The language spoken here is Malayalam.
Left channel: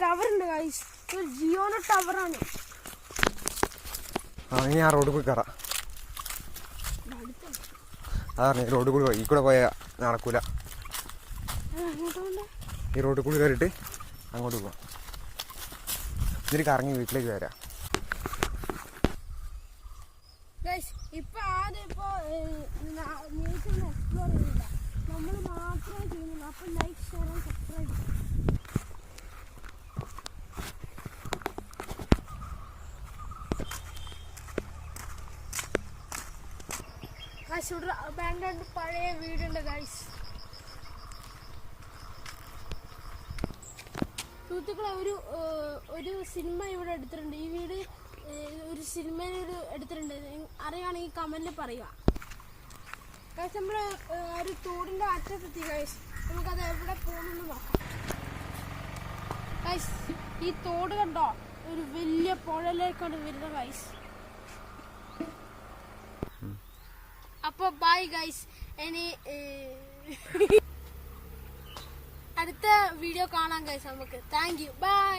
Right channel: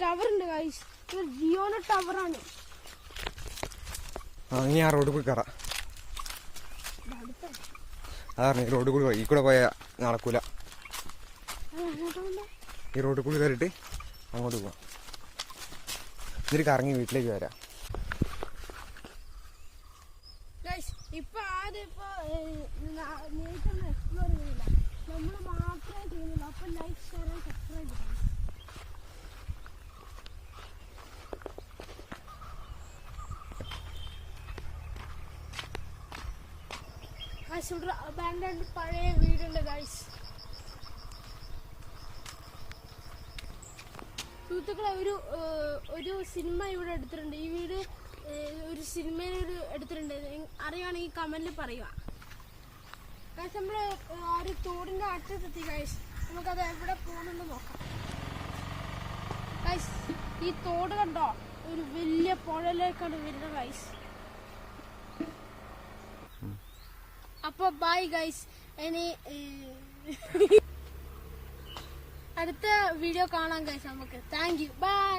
ടവർ ഉണ്ട് ഗൈസ്, ജിയോയുടെ ടവറാണ്. ഇനി ആ റോഡിൽ കൂടി കയറാം. അതാണ് ഈ റോഡിൽ കൂടി ഈ കൂടെ പോയാൽ നടക്കൂല. ഈ റോഡിൽ കൂടി കയറിയിട്ട് അങ്ങോട്ട് പോവാം. ഇതിൽ കറങ്ങി വീട്ടിലേക്ക് വരാം. ഇപ്പൊ ആദ്യം എക്സ്പ്ലോർ ചെയ്യുന്നില്ല, നമ്മൾ മാത്രമേ ചെയ്യുന്നില്ല. അപ്പൊ ലൈക്ക്, ഷെയർ ആൻഡ് സബ്സ്ക്രൈബ് ചെയ്യാം. ഇവിടെ ബാംഗ്ലൂരിൽ പഴയ വീടുണ്ട് ഗൈസ്. സുഹൃത്തുക്കളെ, ഒരു സിനിമ ഇവിടെ എടുത്തിട്ടുണ്ട്. ഈ വീട് ഒരു സിനിമയിൽ എടുത്തിട്ടുണ്ട്. അറിയുവാണെങ്കിൽ കമന്റിൽ പറയുക ഗൈസ്. നമ്മള് ഒരു തോടിന്റെ അറ്റത്തെത്തി ഗൈസ്. നമുക്കത് എവിടെ പോകുന്നെന്ന് നോക്കാം ഗൈസ്. ഈ തോട് കണ്ടോ, ഒരു വലിയ പുഴയിലേക്കാണ് വരുന്നത് ഗൈസ്. അപ്പൊ ബൈ ഗൈസ്. ഇനി അടുത്ത വീഡിയോ കാണാം ഗൈസ് നമുക്ക്. Thank you, by.